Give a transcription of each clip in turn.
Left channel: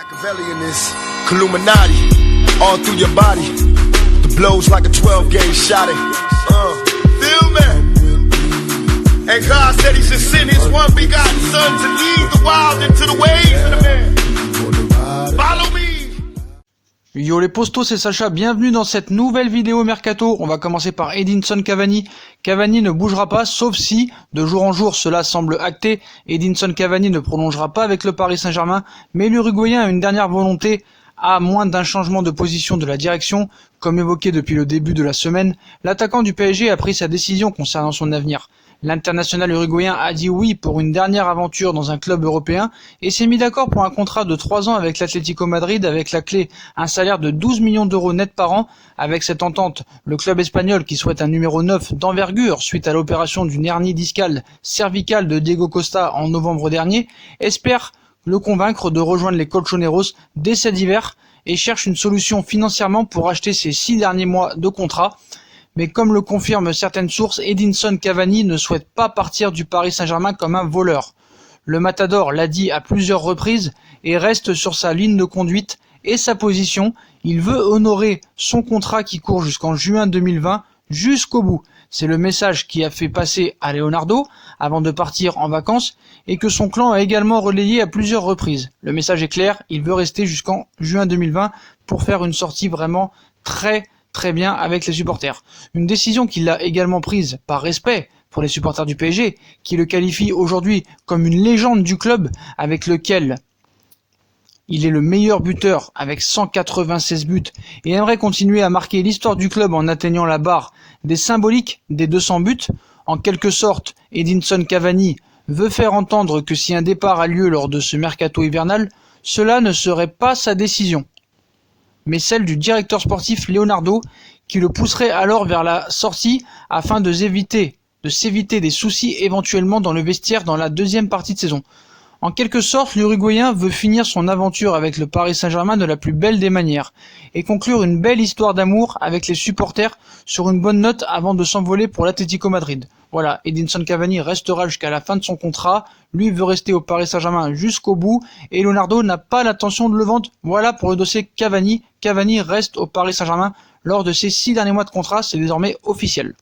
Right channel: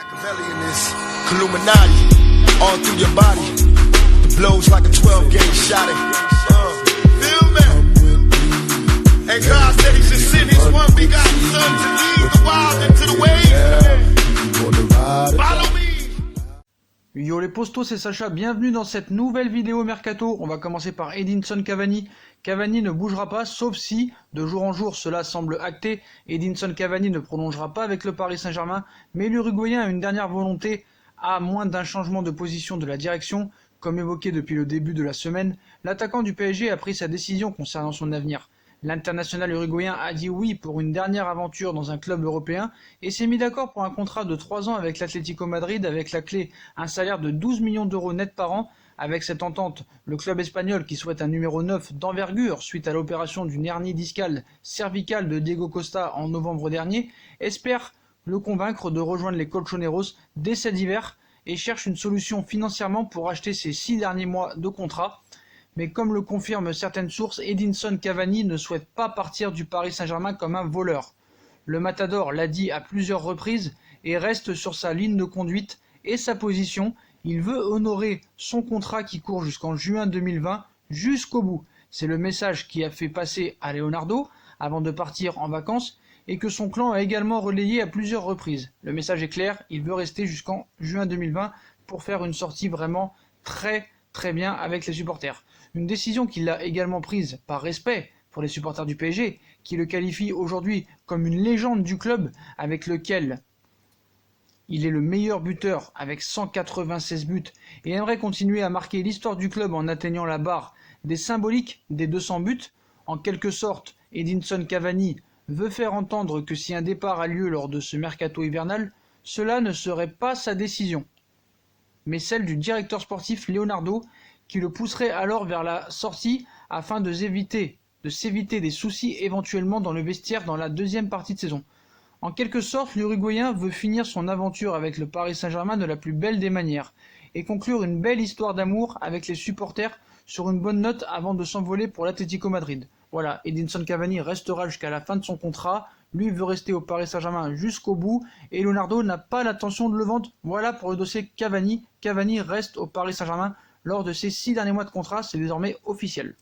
Machiavelli in this Illuminati, all through your body. The blows like a 12-gauge shot. Feel me? And God said He should send His one begotten Son to lead the wild into the ways. Follow me. Yo les postos, c'est Sacha, bienvenue dans cette nouvelle vidéo Mercato. On va commencer par Edinson Cavani. Cavani ne bougera pas, sauf si, de jour en jour, cela semble acté. Edinson Cavani ne prolongera pas avec le Paris Saint-Germain, mais l'Uruguayen a une dernière volonté, à moins d'un changement de position de la direction. Comme évoqué depuis le début de la semaine, l'attaquant du PSG a pris sa décision concernant son avenir. L'international uruguayen a dit oui pour une dernière aventure dans un club européen et s'est mis d'accord pour un contrat de 3 ans avec l'Atlético Madrid avec la clé un salaire de 12 millions d'euros net par an. Avec cette entente, le club espagnol qui souhaite un numéro 9 d'envergure suite à l'opération d'une hernie discale cervicale de Diego Costa en novembre dernier, espère le convaincre de rejoindre les Colchoneros dès cet hiver et cherche une solution financièrement pour acheter ses 6 derniers mois de contrat. Mais comme le confirment certaines sources, Edinson Cavani ne souhaite pas partir du Paris Saint-Germain comme un voleur. Le Matador l'a dit à plusieurs reprises et reste sur sa ligne de conduite et sa position. Il veut honorer son contrat qui court jusqu'en juin 2020 jusqu'au bout. C'est le message qui a fait passer à Leonardo avant de partir en vacances et que son clan a également relayé à plusieurs reprises. Le message est clair, il veut rester jusqu'en juin 2020 pour faire une sortie vraiment très bien avec les supporters. Une décision qu'il a également prise par respect pour les supporters du PSG, qui le qualifient aujourd'hui comme une légende du club avec lequel il est le meilleur buteur avec 196 buts et aimerait continuer à marquer l'histoire du club en atteignant la barre des symboliques des 200 buts. En quelque sorte, Edinson Cavani veut faire entendre que si un départ a lieu lors de ce mercato hivernal, cela ne serait pas sa décision, mais celle du directeur sportif Leonardo, qui le pousserait alors vers la sortie afin de s'éviter des soucis éventuellement dans le vestiaire dans la deuxième partie de saison. En quelque sorte, l'Uruguayen veut finir son aventure avec le Paris Saint-Germain de la plus belle des manières et conclure une belle histoire d'amour avec les supporters sur une bonne note avant de s'envoler pour l'Atlético Madrid. Voilà, Edinson Cavani restera jusqu'à la fin de son contrat, lui veut rester au Paris Saint-Germain jusqu'au bout et Leonardo n'a pas l'intention de le vendre. Voilà pour le dossier Cavani. Cavani reste au Paris Saint-Germain lors de ses 6 derniers mois de contrat, c'est désormais officiel.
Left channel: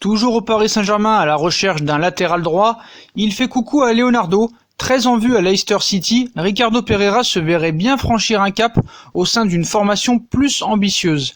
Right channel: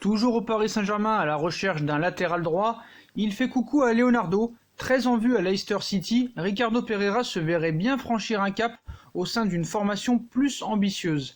Toujours au Paris Saint-Germain à la recherche d'un latéral droit, il fait coucou à Leonardo. Très en vue à Leicester City, Ricardo Pereira se verrait bien franchir un cap au sein d'une formation plus ambitieuse.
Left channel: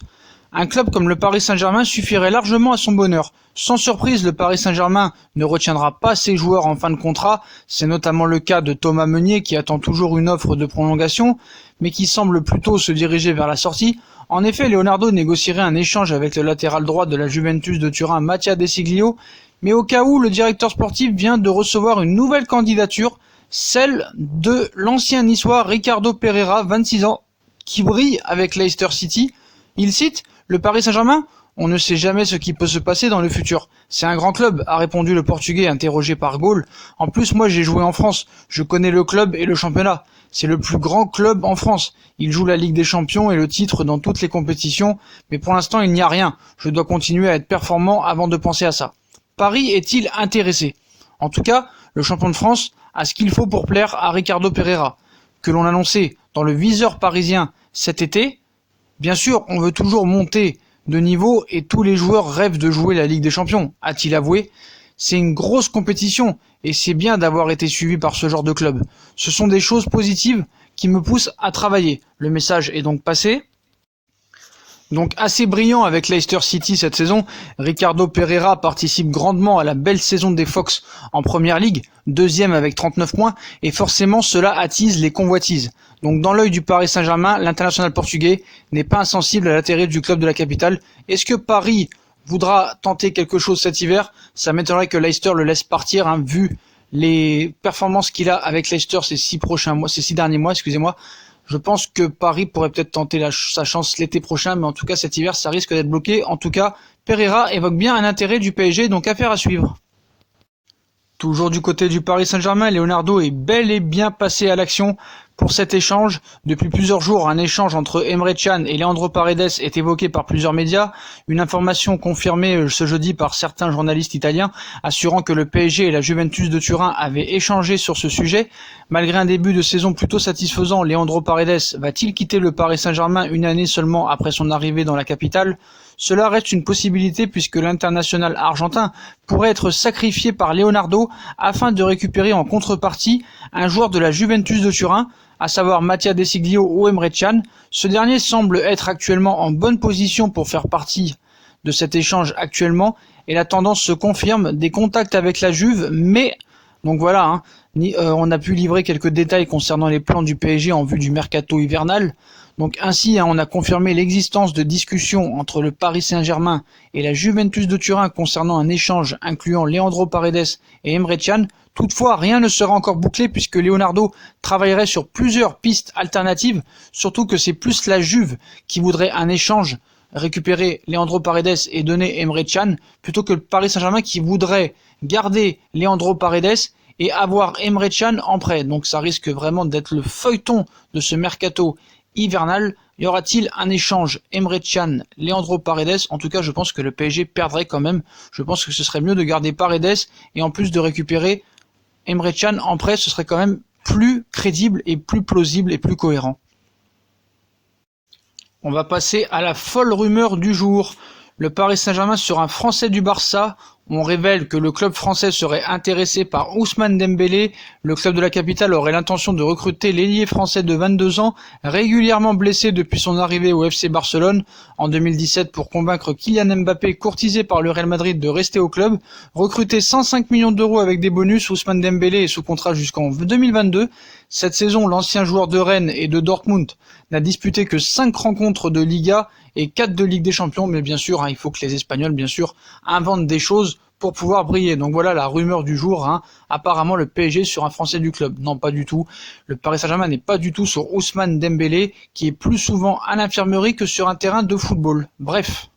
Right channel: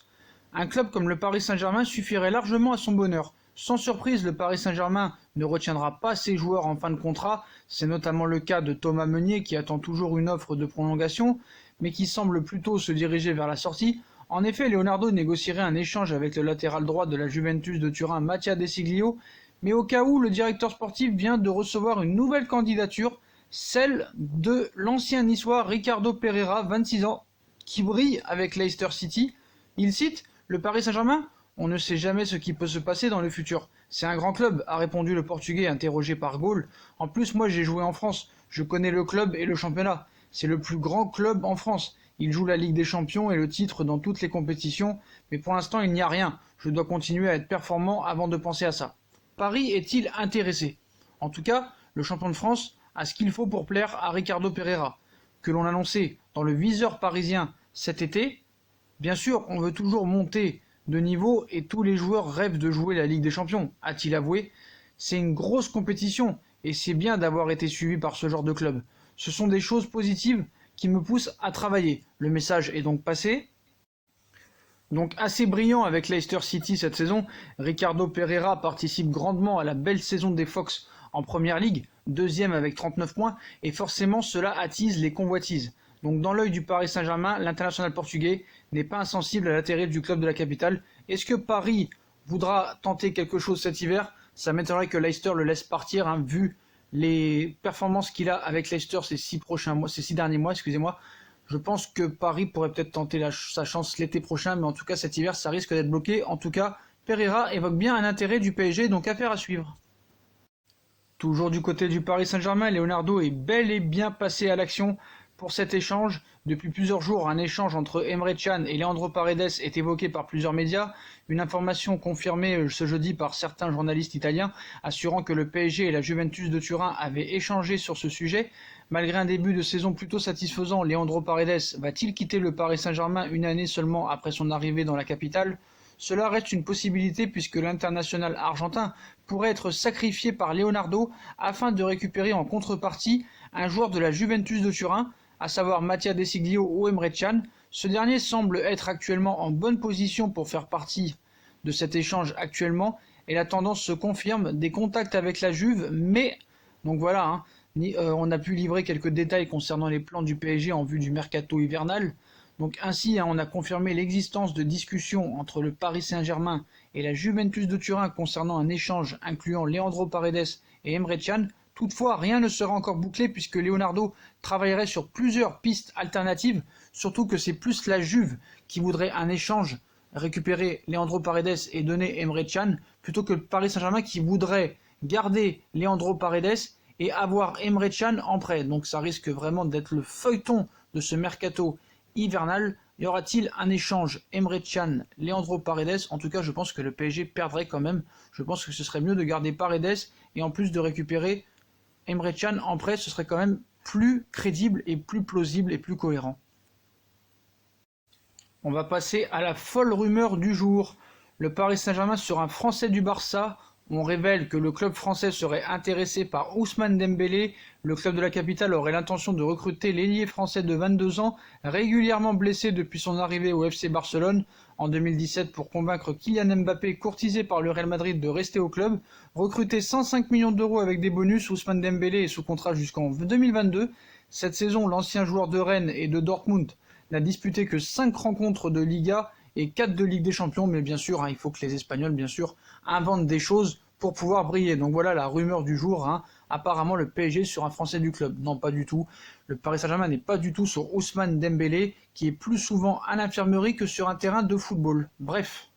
Un club comme le Paris Saint-Germain suffirait largement à son bonheur. Sans surprise, le Paris Saint-Germain ne retiendra pas ses joueurs en fin de contrat. C'est notamment le cas de Thomas Meunier qui attend toujours une offre de prolongation, mais qui semble plutôt se diriger vers la sortie. En effet, Leonardo négocierait un échange avec le latéral droit de la Juventus de Turin, Mattia De Sciglio, mais au cas où le directeur sportif vient de recevoir une nouvelle candidature, celle de l'ancien niçois Ricardo Pereira, 26 ans, qui brille avec Leicester City. Il cite « Le Paris Saint-Germain ? On ne sait jamais ce qui peut se passer dans le futur. C'est un grand club », a répondu le Portugais interrogé par Gaulle. « En plus, moi j'ai joué en France, je connais le club et le championnat. C'est le plus grand club en France. Il joue la Ligue des Champions et le titre dans toutes les compétitions, mais pour l'instant il n'y a rien. Je dois continuer à être performant avant de penser à ça. Paris est-il intéressé ? En tout cas, le champion de France a ce qu'il faut pour plaire à Ricardo Pereira, que l'on annonçait dans le viseur parisien cet été. Bien sûr, on veut toujours monter de niveau et tous les joueurs rêvent de jouer la Ligue des Champions, a-t-il avoué. C'est une grosse compétition et c'est bien d'avoir été suivi par ce genre de club. Ce sont des choses positives qui me poussent à travailler. Le message est donc passé. Donc assez brillant avec Leicester City cette saison, Ricardo Pereira participe grandement à la belle saison des Fox en Première Ligue, deuxième avec 39 points, et forcément cela attise les convoitises. Donc dans l'œil du Paris Saint-Germain, l'international portugais n'est pas insensible à l'atterrissage du club de la capitale. Est-ce que Paris voudra tenter quelque chose cet hiver ? Ça m'étonnerait que Leicester le laisse partir, vu les performances qu'il a avec Leicester ces 6 derniers mois, Je pense que Paris pourrait peut-être tenter sa chance l'été prochain, mais en tout cas cet hiver ça risque d'être bloqué. En tout cas, Pereira évoque bien un intérêt du PSG, donc affaire à suivre. Toujours du côté du Paris Saint-Germain, Leonardo est bel et bien passé à l'action. pour cet échange. Depuis plusieurs jours, un échange entre Emre Can et Leandro Paredes est évoqué par plusieurs médias. Une information confirmée ce jeudi par certains journalistes italiens, assurant que le PSG et la Juventus de Turin avaient échangé sur ce sujet. Malgré un début de saison plutôt satisfaisant, Leandro Paredes va-t-il quitter le Paris Saint-Germain une année seulement après son arrivée dans la capitale ? Cela reste une possibilité puisque l'international argentin pourrait être sacrifié par Leonardo afin de récupérer en contrepartie un joueur de la Juventus de Turin, à savoir Mattia De Sciglio ou Emre Can. Ce dernier semble être actuellement en bonne position pour faire partie de cet échange actuellement et la tendance se confirme, des contacts avec la Juve, mais donc voilà, on a pu livrer quelques détails concernant les plans du PSG en vue du mercato hivernal. Donc ainsi, on a confirmé l'existence de discussions entre le Paris Saint-Germain et la Juventus de Turin concernant un échange incluant Leandro Paredes et Emre Can. Toutefois, rien ne sera encore bouclé puisque Leonardo travaillerait sur plusieurs pistes alternatives, surtout que c'est plus la Juve qui voudrait un échange, récupérer Leandro Paredes et donner Emre Can, plutôt que le Paris Saint-Germain qui voudrait garder Leandro Paredes et avoir Emre Can en prêt. Donc ça risque vraiment d'être le feuilleton de ce mercato hivernal. Y aura-t-il un échange Emre Can, Leandro Paredes? En tout cas, je pense que le PSG perdrait quand même. Je pense que ce serait mieux de garder Paredes et en plus de récupérer Emre Can en prêt, ce serait quand même plus crédible et plus plausible et plus cohérent. On va passer à la folle rumeur du jour. Le Paris Saint-Germain sur un Français du Barça. On révèle que le club français serait intéressé par Ousmane Dembélé. Le club de la capitale aurait l'intention de recruter l'ailier français de 22 ans, régulièrement blessé depuis son arrivée au FC Barcelone en 2017 pour convaincre Kylian Mbappé, courtisé par le Real Madrid, de rester au club. Recruté 105 millions d'euros avec des bonus, Ousmane Dembélé est sous contrat jusqu'en 2022. Cette saison, l'ancien joueur de Rennes et de Dortmund n'a disputé que 5 rencontres de Liga et 4 de Ligue des Champions, mais bien sûr, il faut que les Espagnols, bien sûr, inventent des choses pour pouvoir briller. Donc voilà la rumeur du jour, apparemment le PSG sur un Français du club. Non, pas du tout. Le Paris Saint-Germain n'est pas du tout sur Ousmane Dembélé, qui est plus souvent à l'infirmerie que sur un terrain de football. Bref.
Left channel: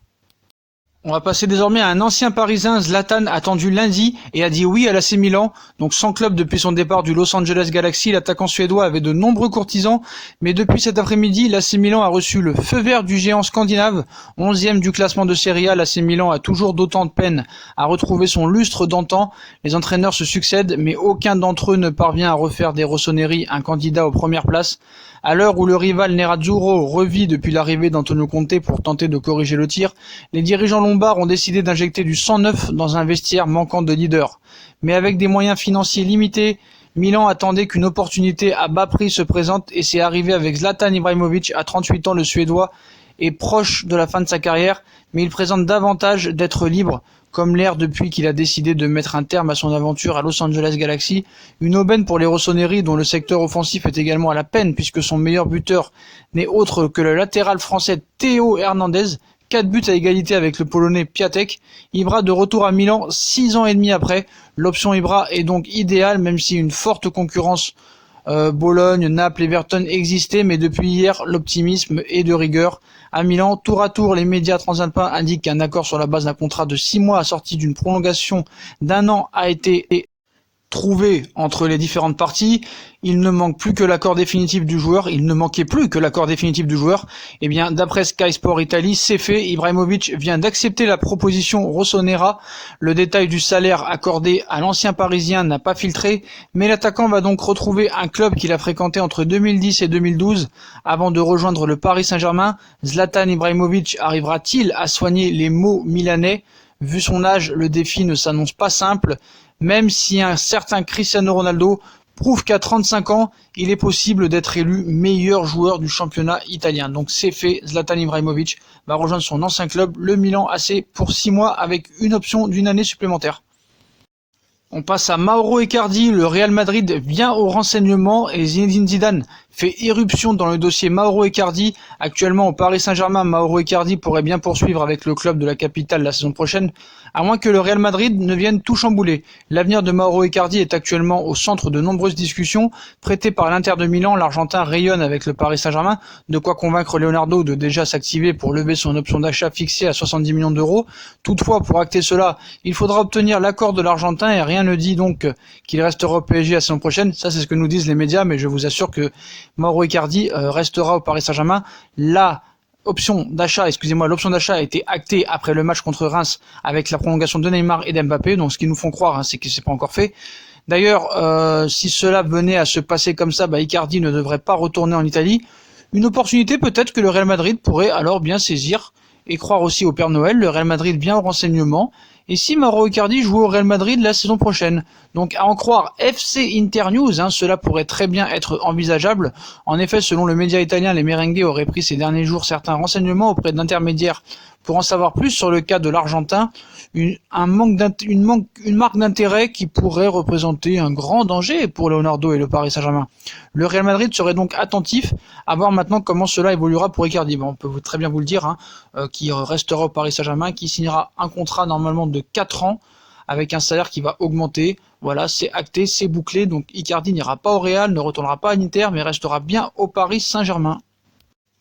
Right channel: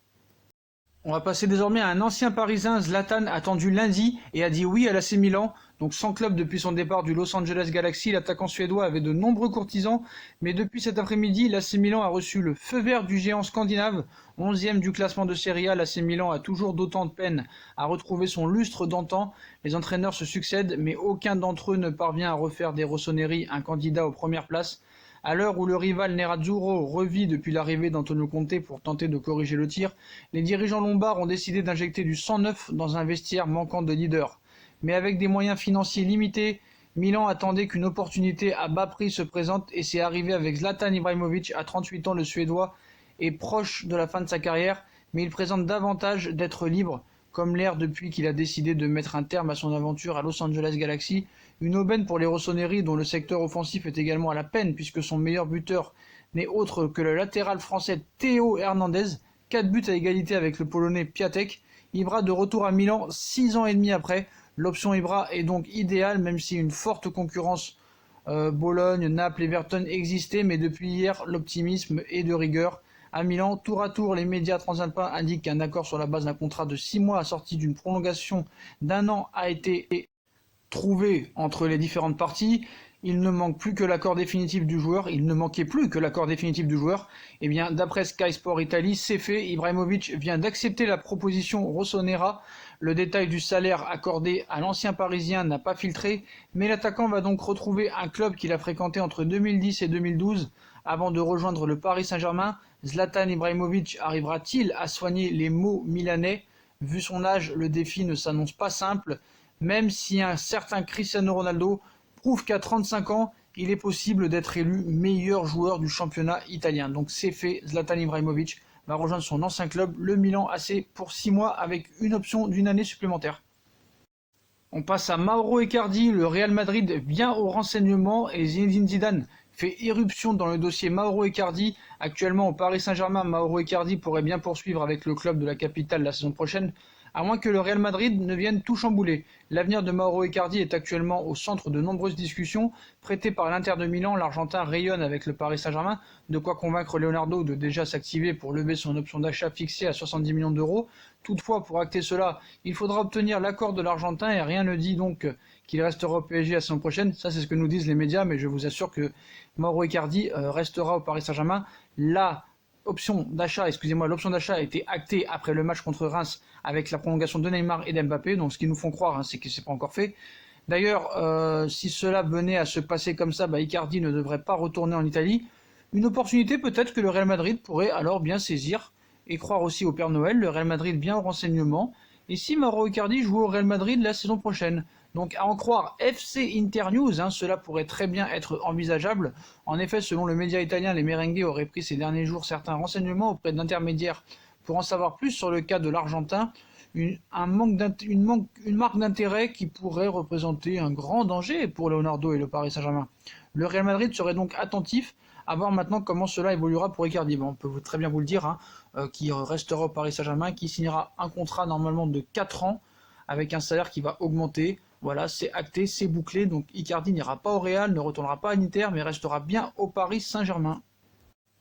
On va passer désormais à un ancien parisien, Zlatan, attendu lundi et a dit oui à l'AC Milan. Donc sans club depuis son départ du Los Angeles Galaxy, l'attaquant suédois avait de nombreux courtisans. Mais depuis cet après-midi, l'AC Milan a reçu le feu vert du géant scandinave. 11e du classement de Serie A, l'AC Milan a toujours d'autant de peine à retrouver son lustre d'antan. Les entraîneurs se succèdent, mais aucun d'entre eux ne parvient à refaire des Rossoneri un candidat aux premières places. À l'heure où le rival Nerazzurro revit depuis l'arrivée d'Antonio Conte pour tenter de corriger le tir, les dirigeants lombards ont décidé d'injecter du sang neuf dans un vestiaire manquant de leader. Mais avec des moyens financiers limités, Milan attendait qu'une opportunité à bas prix se présente et c'est arrivé avec Zlatan Ibrahimovic. À 38 ans, le Suédois est proche de la fin de sa carrière, mais il présente davantage d'être libre, comme l'air depuis qu'il a décidé de mettre un terme à son aventure à Los Angeles Galaxy. Une aubaine pour les Rossoneri dont le secteur offensif est également à la peine puisque son meilleur buteur n'est autre que le latéral français Théo Hernandez. 4 buts à égalité avec le Polonais Piatek. Ibra de retour à Milan 6 ans et demi après. L'option Ibra est donc idéale même si une forte concurrence Bologne, Naples, Everton existait, mais depuis hier l'optimisme est de rigueur. À Milan, tour à tour, les médias transalpins indiquent qu'un accord sur la base d'un contrat de 6 mois assorti d'une prolongation d'1 an a été trouvé entre les différentes parties. Il ne manque plus que l'accord définitif du joueur. Il ne manquait plus que l'accord définitif du joueur. Eh bien, d'après Sky Sport Italie, c'est fait. Ibrahimovic vient d'accepter la proposition Rossonera. Le détail du salaire accordé à l'ancien Parisien n'a pas filtré, mais l'attaquant va donc retrouver un club qu'il a fréquenté entre 2010 et 2012 avant de rejoindre le Paris Saint-Germain. Zlatan Ibrahimovic arrivera-t-il à soigner les maux milanais? Vu son âge, le défi ne s'annonce pas simple. Même si un certain Cristiano Ronaldo prouve qu'à 35 ans, il est possible d'être élu meilleur joueur du championnat italien. Donc c'est fait, Zlatan Ibrahimovic va rejoindre son ancien club, le Milan AC, pour 6 mois avec une option d'une année supplémentaire. On passe à Mauro Icardi. Le Real Madrid vient au renseignement et Zinedine Zidane fait irruption dans le dossier Mauro Icardi. Actuellement au Paris Saint-Germain, Mauro Icardi pourrait bien poursuivre avec le club de la capitale la saison prochaine. à moins que le Real Madrid ne vienne tout chambouler. L'avenir de Mauro Icardi est actuellement au centre de nombreuses discussions. Prêté par l'Inter de Milan, l'Argentin rayonne avec le Paris Saint-Germain, de quoi convaincre Leonardo de déjà s'activer pour lever son option d'achat fixée à 70 millions d'euros. Toutefois, pour acter cela, il faudra obtenir l'accord de l'Argentin et rien ne dit donc qu'il restera au PSG la saison prochaine. Ça, c'est ce que nous disent les médias, mais je vous assure que Mauro Icardi restera au Paris Saint-Germain. L'option d'achat a été actée après le match contre Reims avec la prolongation de Neymar et d'Mbappé. Donc, ce qu'ils nous font croire, c'est que c'est pas encore fait. D'ailleurs, si cela venait à se passer comme ça, Icardi ne devrait pas retourner en Italie. Une opportunité peut-être que le Real Madrid pourrait alors bien saisir et croire aussi au Père Noël. Le Real Madrid vient au renseignement. Et si Mauro Icardi joue au Real Madrid la saison prochaine? Donc à en croire FC Internews, cela pourrait très bien être envisageable. En effet, selon le média italien, les merengues auraient pris ces derniers jours certains renseignements auprès d'intermédiaires pour en savoir plus sur le cas de l'Argentin, une marque d'intérêt qui pourrait représenter un grand danger pour Leonardo et le Paris Saint-Germain. Le Real Madrid serait donc attentif à voir maintenant comment cela évoluera pour Icardi. On peut très bien vous le dire, qui restera au Paris Saint-Germain, qui signera un contrat normalement de 4 ans avec un salaire qui va augmenter. Voilà, c'est acté, c'est bouclé. Donc Icardi n'ira pas au Real, ne retournera pas à l'Inter, mais restera bien au Paris Saint-Germain.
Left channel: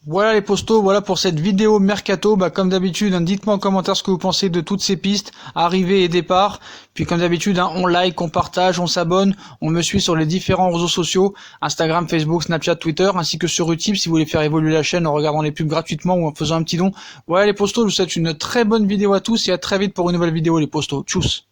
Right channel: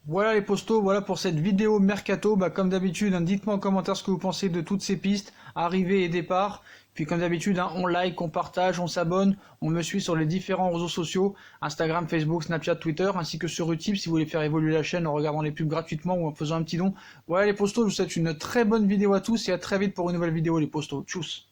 Voilà les postos, voilà pour cette vidéo Mercato. Comme d'habitude, dites-moi en commentaire ce que vous pensez de toutes ces pistes, arrivée et départ. Puis comme d'habitude, on like, on partage, on s'abonne, on me suit sur les différents réseaux sociaux, Instagram, Facebook, Snapchat, Twitter, ainsi que sur Utip si vous voulez faire évoluer la chaîne en regardant les pubs gratuitement ou en faisant un petit don. Voilà les postos, je vous souhaite une très bonne vidéo à tous et à très vite pour une nouvelle vidéo les postos. Tchuss.